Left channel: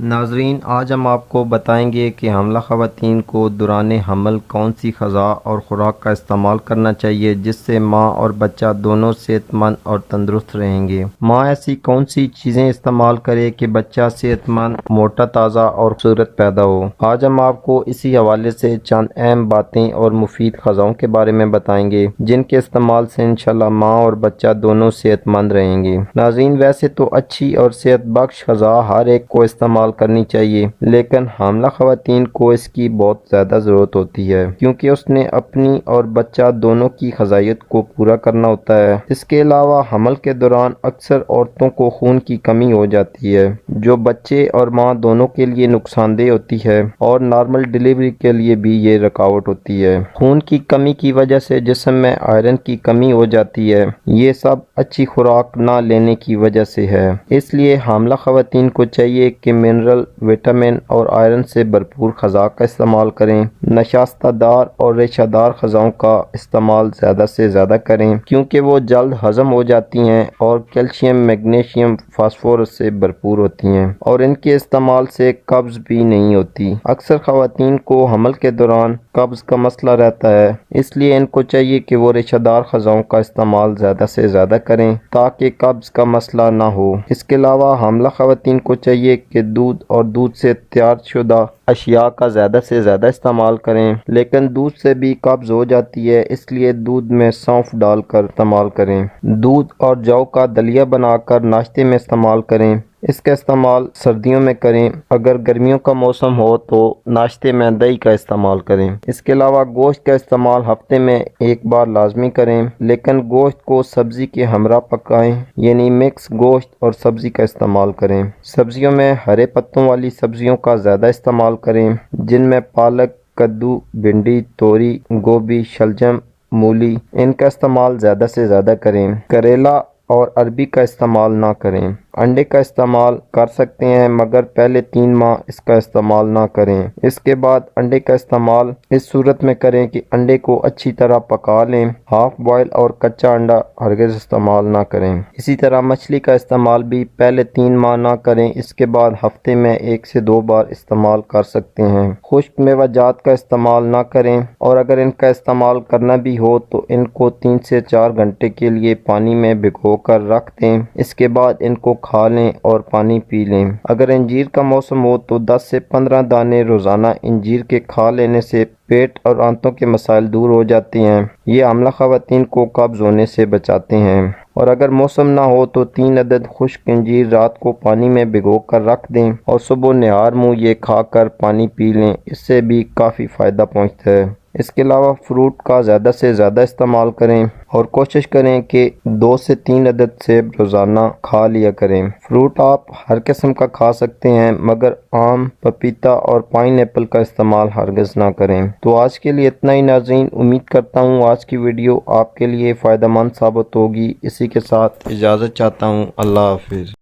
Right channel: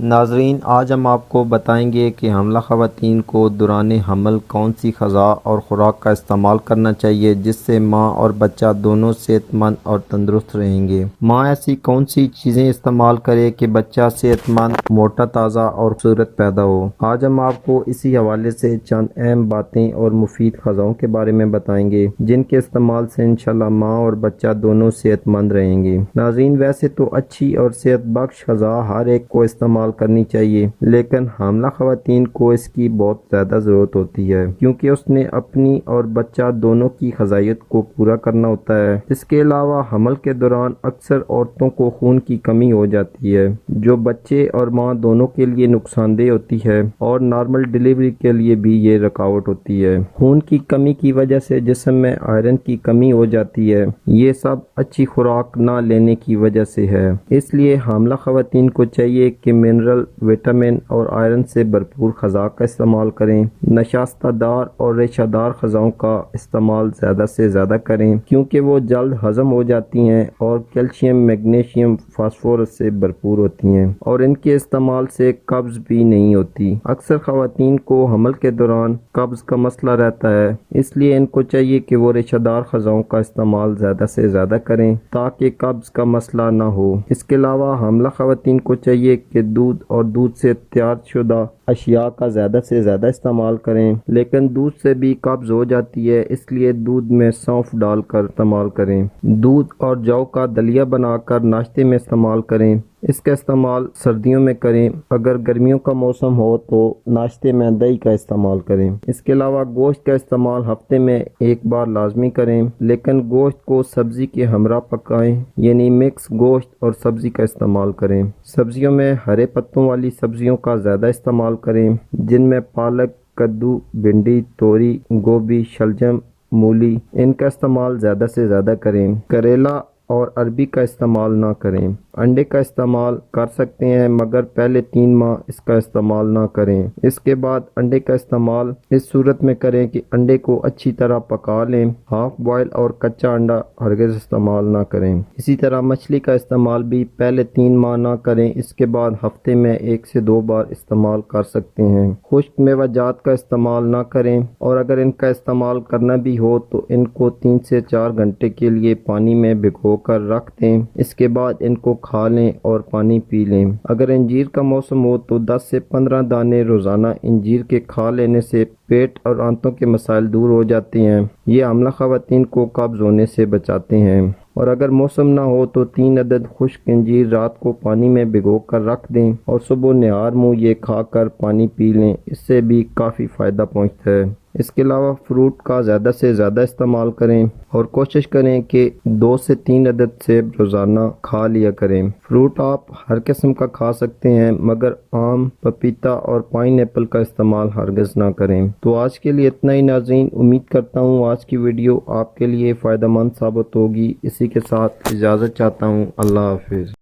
ناظرین، آج ہم آپ کو بتائیں گے کہ حاملہ خواتین کو دوران حمل کون سی غذا اور خوراک کا استعمال کرنا چاہیے جس سے ماں اور بچہ دونوں صحت مند اور تندرست رہیں گے۔ ماں ایسی کون سی چیزیں استعمال کرے کہ بچہ صحت مند، موٹا تازہ اور خوبصورت پیدا ہو۔ آج ہم آپ کو اسی حوالے سے چند اہم باتیں اور مفید غذاؤں کے بارے میں بتائیں گے جن کے استعمال سے انشاءاللہ ماں اور بچہ دونوں صحت مند رہیں گے۔ ناظرین، ویسے تو اچھی اور صحت بخش غذا ہر ایک کو استعمال کرنی چاہیے، لیکن حاملہ خواتین کو اس کی بہت زیادہ ضرورت ہوتی ہے کیونکہ اس نے اپنی اور بچہ دونوں کی غذائیت کو پورا کرنا ہوتا ہے۔ اس کے علاوہ حمل کے دوران اکثر عورتوں کو خون کی کمی ہو جاتی ہے جو بچے اور ماں دونوں کے لیے نقصان دہ ہوتی ہے، اور نارمل ڈیلیوری کے لیے بھی یہ رکاوٹ ہوتی ہے۔ خون کی کمی کی وجہ سے جسم میں آئرن کی کمی ہو جاتی ہے، یہ سب اچھی خوراک نہ لینے کی وجہ سے ہے۔ اس لیے حاملہ خواتین کو چاہیے کہ منرل، وٹامن اور آئرن سے بھرپور غذا کا استعمال کریں۔ نشاستہ دار اور ریشہ دار غذاؤں کا استعمال زیادہ سے زیادہ کریں کیونکہ وہ جلد ہضم ہو جاتی ہیں اور کیلشیم، میگنیشیم، فاسفورس سے بھرپور ہوتی ہیں، اور ان کے استعمال سے قبض بھی نہیں ہوتی۔ اکثر خواتین کو حمل کے دوران قبض کا مسئلہ رہتا ہے، اس لیے ان کو چاہیے کہ وہ ریشہ دار غذاؤں کا استعمال زیادہ سے زیادہ کریں تاکہ قبض کا مسئلہ نہ ہو۔ اس کے علاوہ حاملہ خواتین کو چاہیے کہ دودھ اور دودھ سے تیار شدہ اشیاء کا زیادہ سے زیادہ استعمال کریں، لیکن دودھ سے بھی قبض ہو جاتی ہے، اس لیے دودھ میں سونف ڈال کر استعمال کریں۔ دودھ اور جو کا دلیا بنا کر ناشتے میں استعمال کریں۔ اس کا استعمال سردیوں میں کریں، اگر گرمیوں کا موسم ہو تو ناشتے میں دہی کا استعمال کریں۔ اس کے علاوہ گوشت کا استعمال ہفتے میں ایک بار لازمی کریں، لیکن گوشت کو سبزی کے ہمراہ پکائیں، یعنی مکس گوشت اور سبزی کا استعمال کریں۔ سبزیوں میں ہرے پتوں والی سبزیوں کا زیادہ استعمال کریں جن میں پالک، کدو، بھنڈی، توری، گوبھی، شلجم، مولی، ان کا استعمال زیادہ سے زیادہ کریں۔ کریلا اور عربی کا استعمال نہ کریں۔ انڈے کا استعمال کر سکتے ہیں مگر پہلے 3 ماہ اس کا استعمال نہ کریں۔ اس کے بعد انڈے کا استعمال اس صورت میں کریں کہ انڈے کو اچھی طرح پکا لیں۔ ہاف بوائل اور کچا انڈا ہرگز استعمال نہ کریں۔ اسی طرح مچھلی کا استعمال بھی پہلے 3 ماہ نہ کریں، اس کے بعد ہفتے میں 1 سے 2 بار استعمال کر سکتے ہیں۔ خشک میوہ جات کا استعمال نہ کریں، اور اگر ان کا استعمال کرنا بھی ہو تو ان کو 3 سے 4 گھنٹے کے لیے پانی میں بھگو کر رکھ دیں، اس کے بعد ان کو کھا لیں اور پانی پی لیں۔ اگر انجیر کا موسم ہو تو 10 سے 15 دانے روزانہ انجیر کے کھا لینے سے پیٹ اور آنتوں کے مسائل دور ہو جاتے ہیں، یہ حاملہ خواتین کو قبض ہونے سے بچاتے ہیں۔ اور اگر موسم نہ ہو تو 3 عدد خشک انجیر رات کو پانی میں بھگو کر رکھ دیں اور صبح نہار منہ یہ کھا کر پانی پی لیں، اس سے بھی کافی فائدہ پہنچتا ہے۔ اس کے علاوہ فروٹ کا زیادہ سے زیادہ استعمال کریں اور کوشش کریں کہ 2 سے 3 عدد سیب روزانہ کھا لیا کریں۔ فروٹ آپ ہر قسم کا کھا سکتے ہیں مگر آم، پپیتا اور پائن ایپل کا استعمال ہرگز نہ کریں۔ تو آج کے لیے اتنا ہی ناظرین، امید کرتا ہوں آج کی ویڈیو آپ کے لیے فائدہ مند ثابت ہوگی۔ اسی کے ساتھ اجازت چاہتا ہوں، اللہ حافظ۔